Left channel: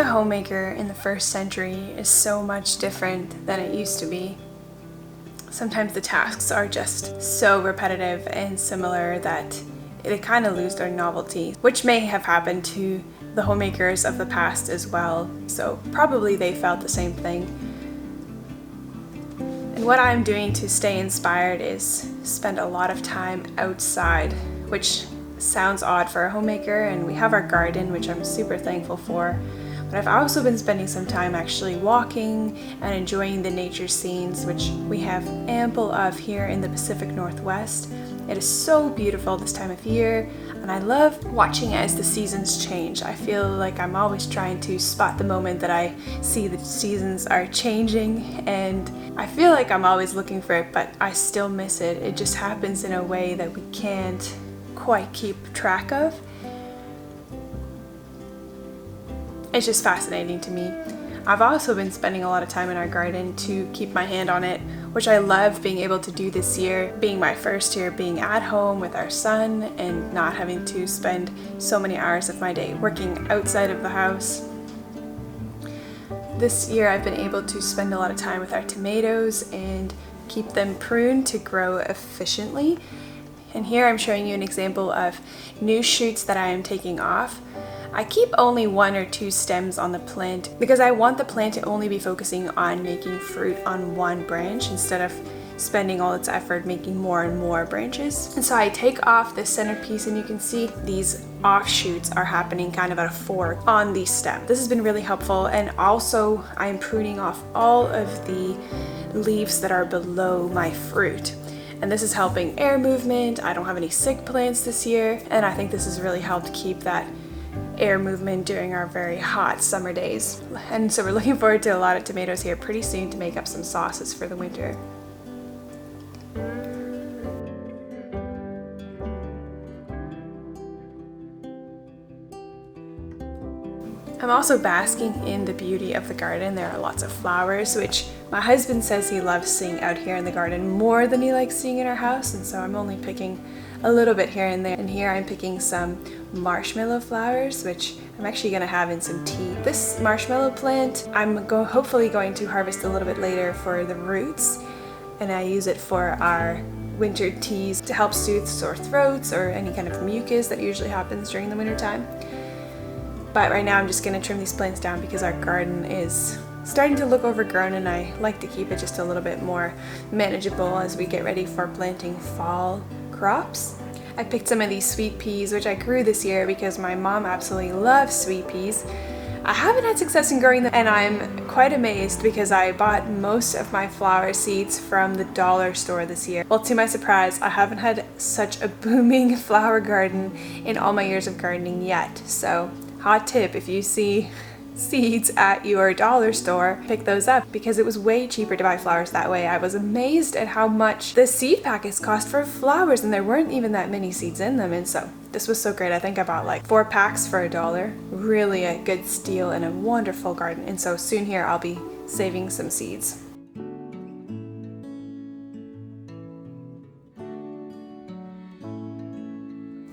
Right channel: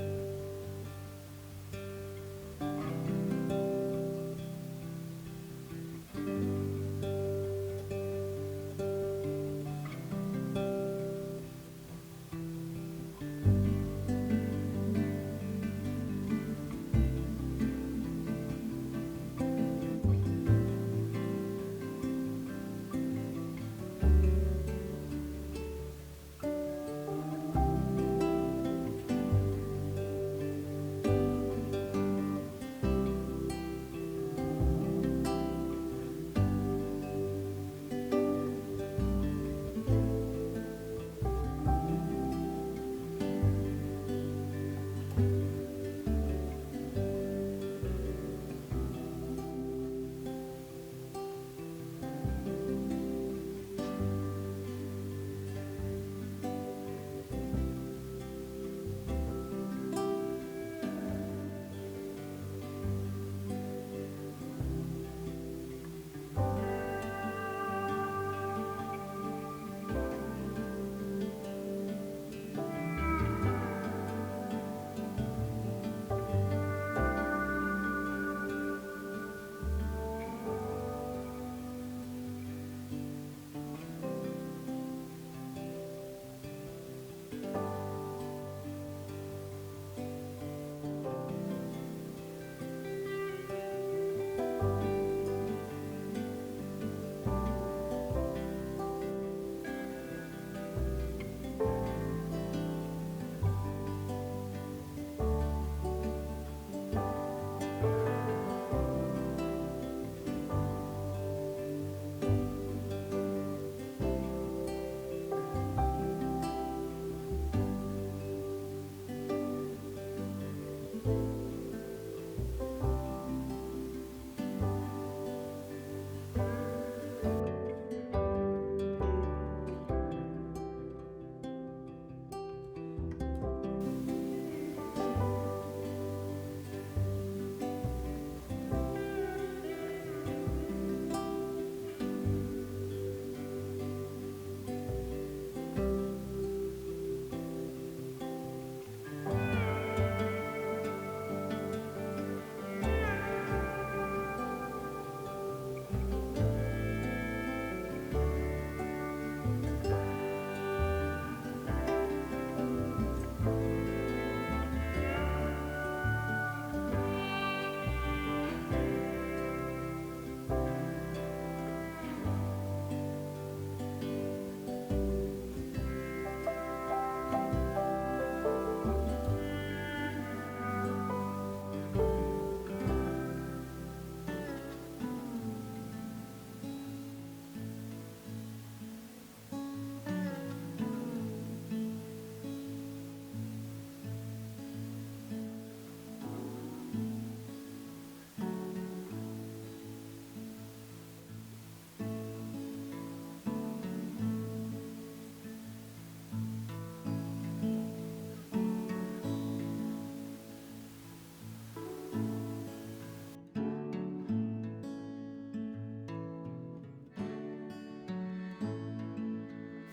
Being a homemaker in the first century is so much different than it used to be. Sometimes the tasks are just so repetitive and similar that they kind of lose their novelty, which may have happened to the homemakers of the past as well, so probably they felt the same thing. And what I'm doing to stay inspired is spend a lot of time outside, which sounds odd for a homemaker, and we have our garden, which I'm super thankful for. But I've also been spending some time actually walking and enjoying the nature scenes, which we have ample of here in the Pacific Northwest. It is so beautiful this time of year, and I love watching as the seasons change. I feel like I'm always trying to spot the moment that I see the seasons are changing, and I feel like I'm always looking for it, but I still miss it. It just happens in a way that we can't quite keep track of. It's just fascinating to me. I've also been spending a lot of time in our garden to keep my hand on it, which I love being able to do this year, being my first year being at home with our son and not having to spend so many hours of my day working outside of the house. This year I've been able to spend a lot of time with our tomatoes and keep them pruned to grow efficiently. And here I'm showing you an example of new shoots that I am taking off. I keep only 1 or 2 stems on the plant because I want the plant to only be focusing on making fruit on one branch instead of spending all its effort making more and more branches. And so I take off the centerpiece, and you can see these offshoots are happening kind of at a fork on the stem. This has been really helpful, and also I'm pruning off all of the leaves that are below my fruit. And this is helping air movement. I don't have any sick plants this year, and I think this has really helped keep that air movement during our very hot summer days. And so we're looking forward to a lot of tomatoes here pretty soon to make up some sauces for the winter. I'm also basking in the beauty of the garden. There are lots of flowers, which my husband says he loves seeing out here in the garden more than he likes seeing in our house, and so I'm only picking a little bit here and there. And here I'm picking some marshmallow flowers, which I'm actually going to have in some tea. This marshmallow plant I'm hopefully going to harvest a little bit later for the roots, and I use it for our winter teas to help soothe sore throats or any kind of mucus that usually happens during the winter time. But right now I'm just going to trim these plants down because our garden is starting to look overgrown, and I like to keep it just a little bit more manageable as we get ready for planting fall crops. I picked some of these sweet peas, which I grew this year because my mom absolutely loves sweet peas. I haven't had success in growing them, and I'm quite amazed because I bought most of my flower seeds from the dollar store this year. Well, to my surprise, I haven't had such a booming flower garden in all my years of gardening yet. So, hot tip, if you see seeds at your dollar store, pick those up because it was way cheaper to buy flowers that way. I was amazed at how much the seed packets cost for flowers, and there weren't even that many seeds in them, and so this was so great. I think I bought like 4 packs for $1. Really a good steal and a wonderful garden, and so soon here I'll be saving some seeds.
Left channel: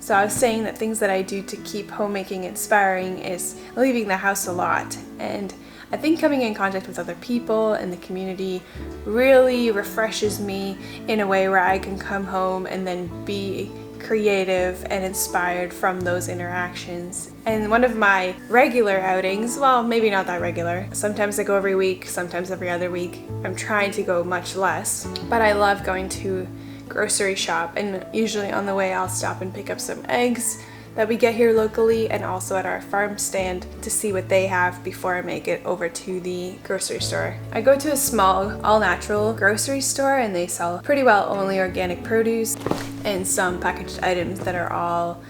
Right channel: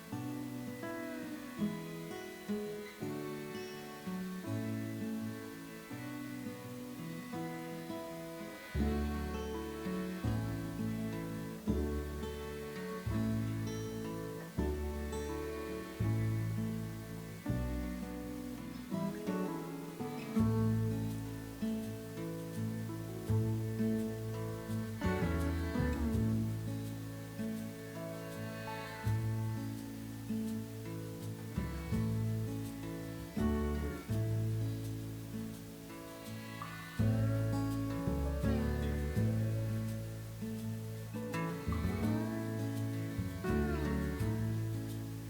So I was saying that things that I do to keep homemaking inspiring is leaving the house a lot, and I think coming in contact with other people and the community really refreshes me in a way where I can come home and then be creative and inspired from those interactions. And one of my regular outings, well, maybe not that regular, sometimes I go every week, sometimes every other week. I'm trying to go much less, but I love going to grocery shop, and usually on the way I'll stop and pick up some eggs that we get here locally, and also at our farm stand to see what they have before I make it over to the grocery store. I go to a small all-natural grocery store, and they sell pretty well only organic produce and some packaged items that are all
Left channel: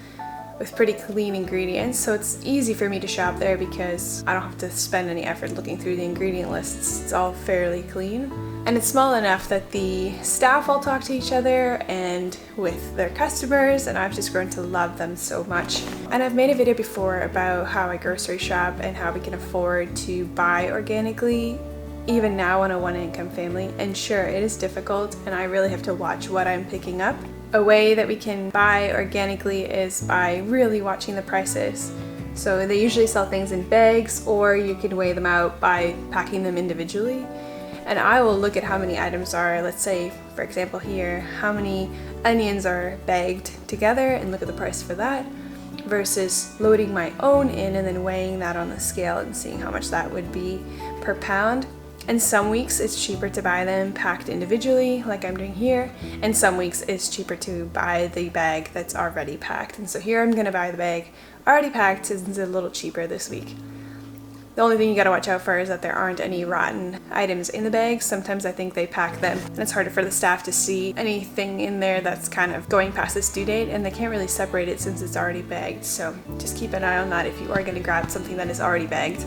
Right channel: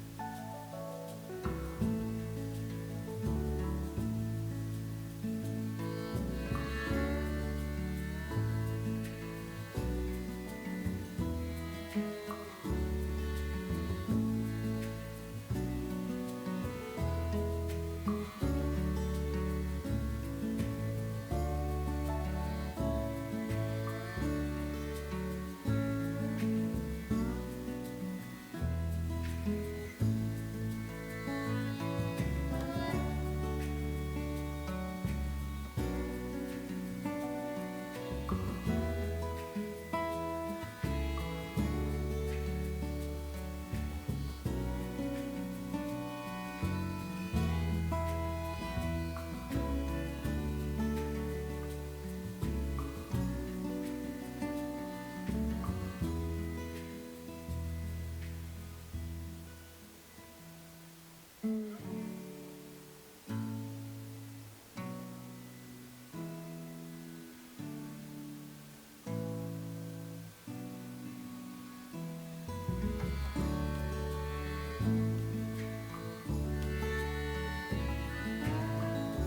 with pretty clean ingredients, so it's easy for me to shop there because I don't have to spend any effort looking through the ingredient lists. It's all fairly clean, and it's small enough that the staff all talk to each other and with their customers, and I've just grown to love them so much. And I've made a video before about how I grocery shop and how we can afford to buy organically even now on a one-income family, and sure, it is difficult and I really have to watch what I'm picking up. A way that we can buy organically is by really watching the prices. So they usually sell things in bags, or you can weigh them out by packing them individually. And I will look at how many items are, let's say, for example here, how many onions are bagged together, and look at the price for that, versus loading my own in and then weighing that on the scale and seeing how much that would be per pound. And some weeks it's cheaper to buy them packed individually, like I'm doing here, and some weeks it's cheaper to buy the bag that's already packed. And so here I'm going to buy the bag already packed since it's a little cheaper this week. The only thing you gotta watch out for is that there aren't any rotten items in the bags. Sometimes I think they pack them and it's harder for the staff to see anything in there that's kind of going past its due date, and they can't really separate it since it's already bagged. So just keep an eye on that if you are gonna grab something that is already bagged.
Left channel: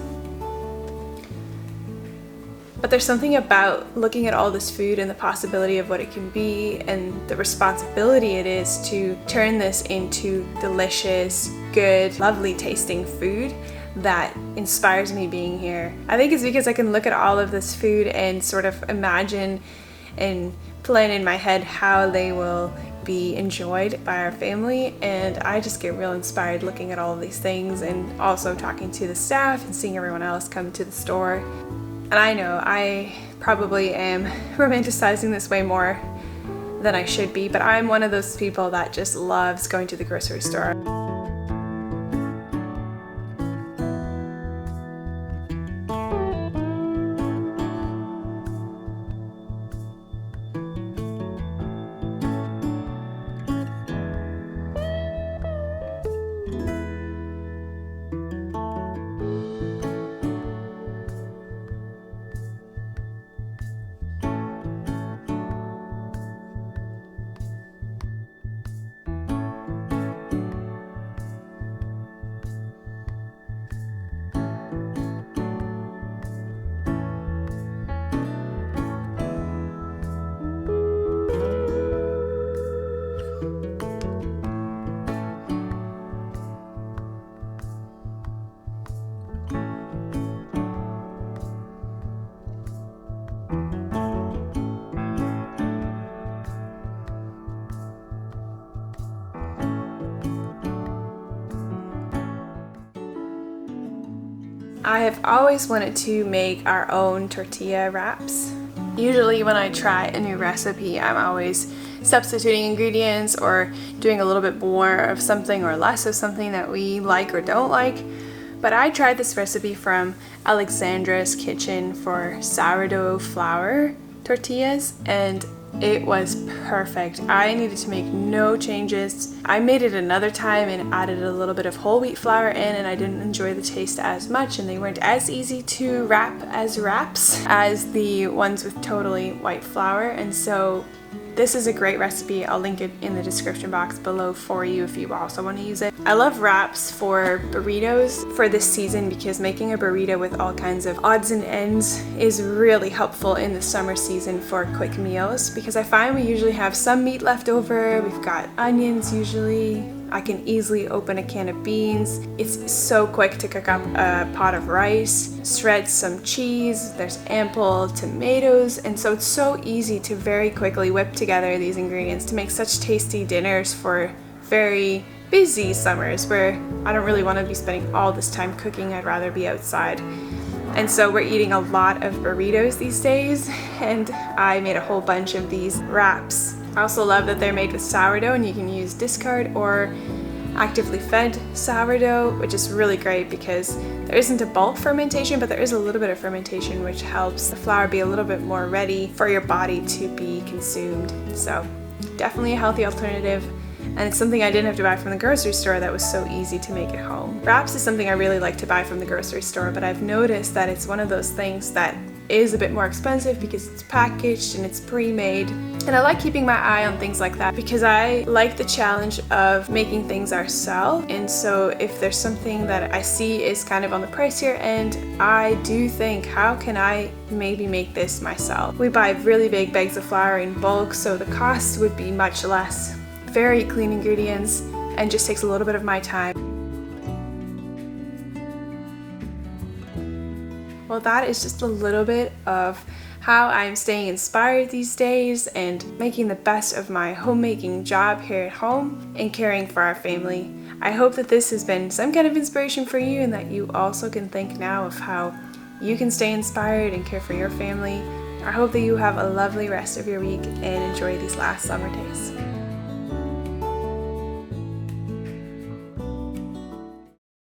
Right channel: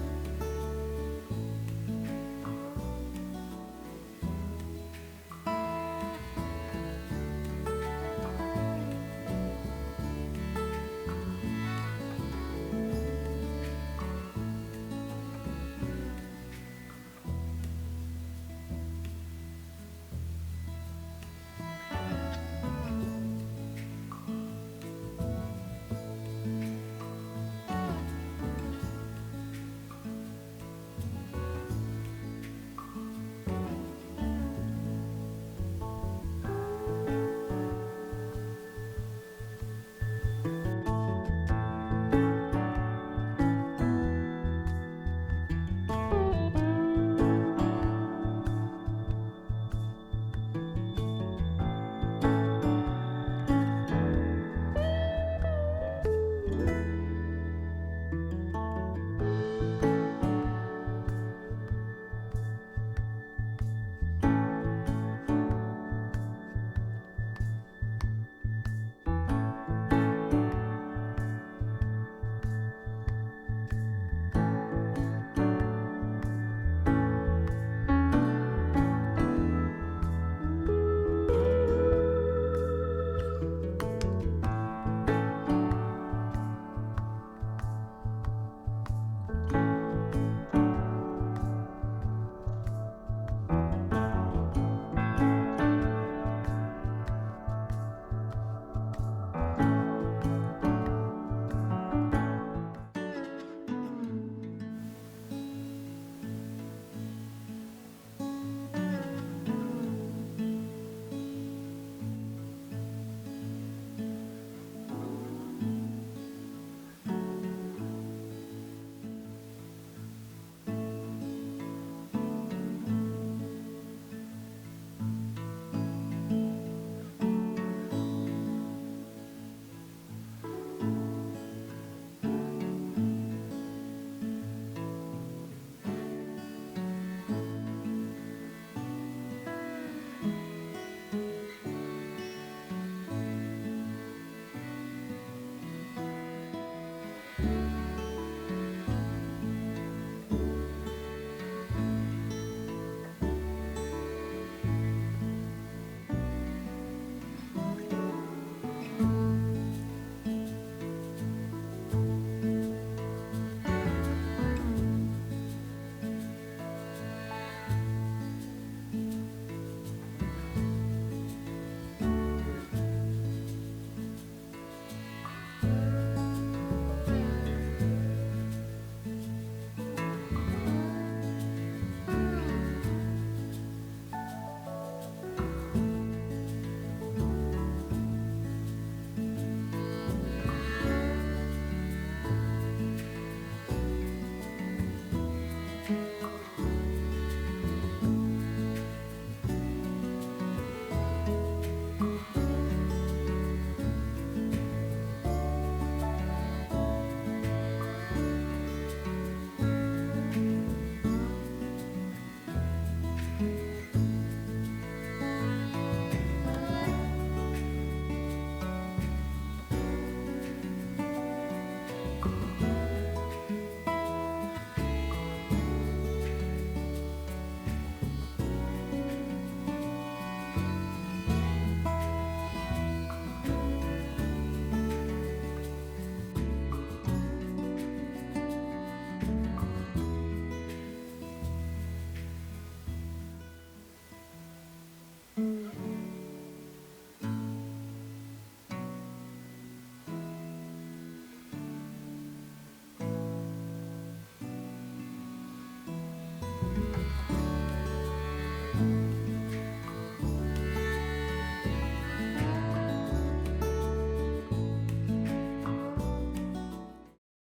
But there's something about looking at all this food and the possibility of what it can be and the responsibility it is to turn this into delicious, good, lovely tasting food that inspires me being here. I think it's because I can look at all of this food and sort of imagine and plan in my head how they will be enjoyed by our family, and I just get real inspired looking at all of these things and also talking to the staff and seeing everyone else come to the store. And I know I probably am romanticizing this way more than I should be, but I'm one of those people that just loves going to the grocery store. I have always wanted to make our own tortilla wraps. Usually when I try a new recipe, I'm always substituting ingredients or doing a little bit more of something or less of something that we like or don't like. But I tried this recipe from Alexandra's Kitchen for sourdough flour tortillas, and it was perfect. I needed to make no changes. I made it another time and added a little bit of whole wheat flour in, and I didn't enjoy the taste as much, and they weren't as easy to wrap as wraps as the ones with totally white flour. And so this is a great recipe. I'll link it in the description box below for you if you also want to use it. I love wraps for burritos for this season because making a burrito with all kinds of odds and ends is really helpful in the summer season for quick meals, because I find we usually have some meat left over. We've got onions usually. I can easily open a can of beans. It's so quick to cook up a pot of rice, shred some cheese, there's ample tomatoes, and so it's so easy to very quickly whip together these ingredients to make such tasty dinners for very busy summers where I don't really want to be spending all this time cooking. I'd rather be outside. And so we're eating a lot of burritos these days, and I made a whole bunch of these wraps. I also love that they're made with sourdough, and you can use discard or actively fed sourdough, which is really great because there isn't a bulk fermentation, but there is a little bit of fermentation, which helps the flour be a little bit more ready for your body to be consumed. So definitely a healthy alternative, and it's something I didn't have to buy from the grocery store that was so easy to make at home. Wraps is something I really like to buy from the grocery store, but I've noticed that it's one of those things that is a bit more expensive because it's packaged and it's pre-made. And I like keeping my eye on things like that because I like the challenge of making things ourselves. And so if there's something that I see is kind of on the pricier end, I do think, how can I maybe make this myself? We buy really big bags of flour in bulk, so the cost would be much less. Very clean ingredients, and just takes a little bit of my time. Well, that is just a little bit of how I'm staying inspired these days and making the best of my homemaking job here at home and caring for our family. I hope that this has been some kind of inspiration for you, and that you also can think now of how you can stay inspired and care for your family. I hope that you have a lovely rest of your week and enjoy these last summer days.